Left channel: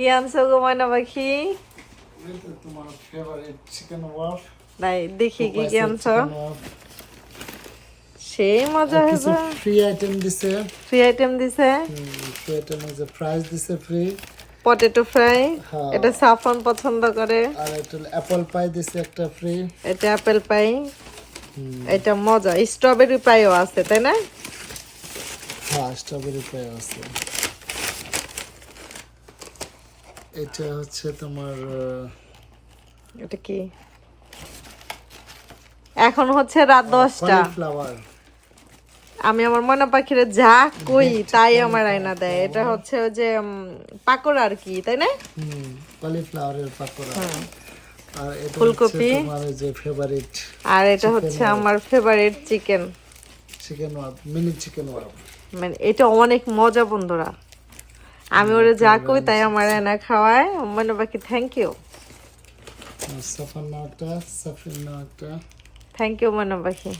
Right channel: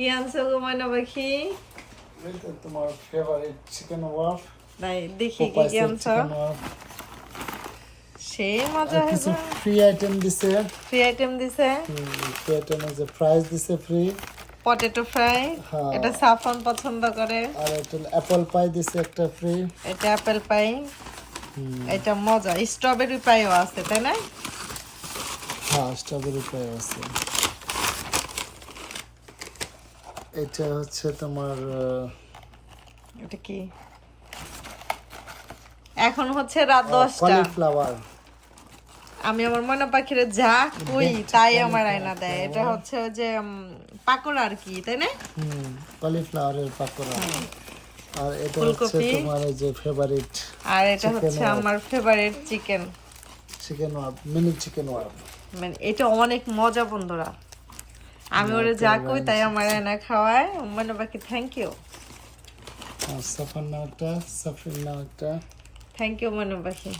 কি আনছো গো ময়না পাখি? এই তো তোমার ফেভারিট চিকেন ওয়াফ। নাই দেখি কি কি আনছো। সেই মজা কিছু হবে। ফ্রি আইটেম দিছে। ফ্রি আইটেম দিছে। ফ্রি আইটেম আছে, ফ্রাইজ দিছে ফ্রি। পটেটো ফ্রাই, হ্যাঁ। এটা সাফন পছন্দ করে। আর এটা অ্যাপল পাই দিছে একটা ফ্রি। এটা অ্যাপেল পাই। এটা মজা, স্ট্রবেরি পাইও আছে তাই না? হ্যাঁ, স্ট্রবেরি পাই আছে। এটা হচ্ছে তোমার এটা কি? এখন হচ্ছে রাত 10টা। কলিফ্লাওয়ার। আমি আমার ময়না পাখিরে যা কই তাই আমার আয়না দেয়। এটা হচ্ছে ওই যে পাকোড়া আর কি তাই না? কলিফ্লাওয়ারের পাকোড়া। আর এটা হচ্ছে ফুলকপি। তোমার এই যে ফেভারিট। আর এটা হচ্ছে আমার ফেভারিট চিকেন। চিকেন ওয়াফ, মিনি চিকেন ওয়াফ। মানে এটা অনেক মজা বন্ধুরা। আমি ওরে যা কই তাই আমার আয়না খাওয়ায়। ময়না পাখি থ্যাংক ইউ। সাফার নাওটা, সাফির নাওটা। থ্যাংক ইউ ময়না পাখি।